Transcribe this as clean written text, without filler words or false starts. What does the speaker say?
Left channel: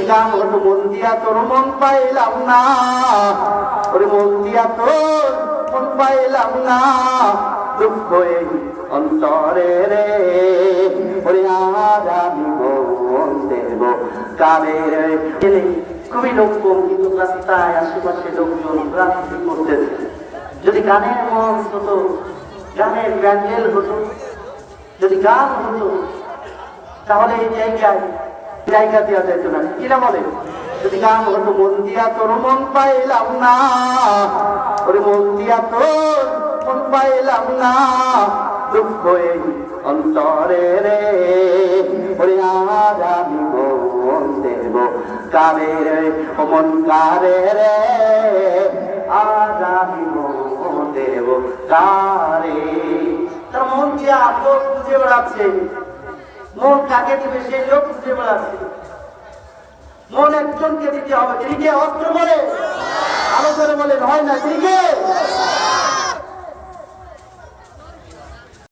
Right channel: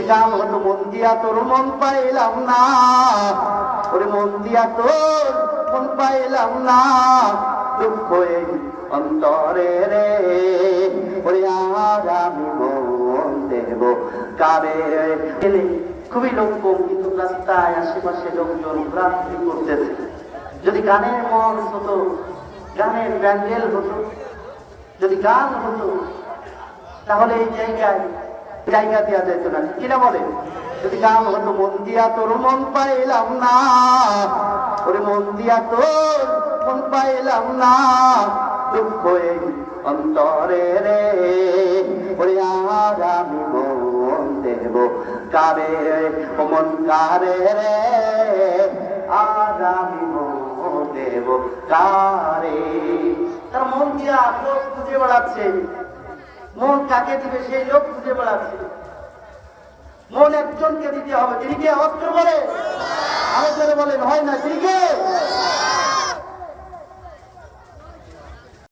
যদি গান হতো মন দিয়া তোর মন পাইলাম না, ওরে মন দিয়া তোর মন পাইলাম না, দুঃখ এই অন্তরে রে, ওরে আর আমি মন দেব কারে রে। খুবই লোক কম, কিন্তু রাস্তায় আশেপাশে লোকজন রাত্রি করতেছে। যদি গানের মন হতো, গানের ব্যান্ডেল হতো, যদি গান হতো, তাহলে এই জায়গা দেওয়া যেত না। কিনা বলে? যদি গান হতো মন দিয়া তোর মন পাইলাম না, ওরে মন দিয়া তোর মন পাইলাম না, দুঃখ এই অন্তরে রে, ওরে আর আমি মন দেব কারে রে, ও মন কারে রে, আর আমি মন দেব কারে। তার মন দিয়া লোক খুঁজে বেড়াচ্ছে, মন কাকে দিবে সেই লোক খুঁজে বেড়াচ্ছে। মন একজনকে দিতে হবে, তিনি কে? অস্ত্র বলে আলো করে বলেন, হয় না? তিনি কে?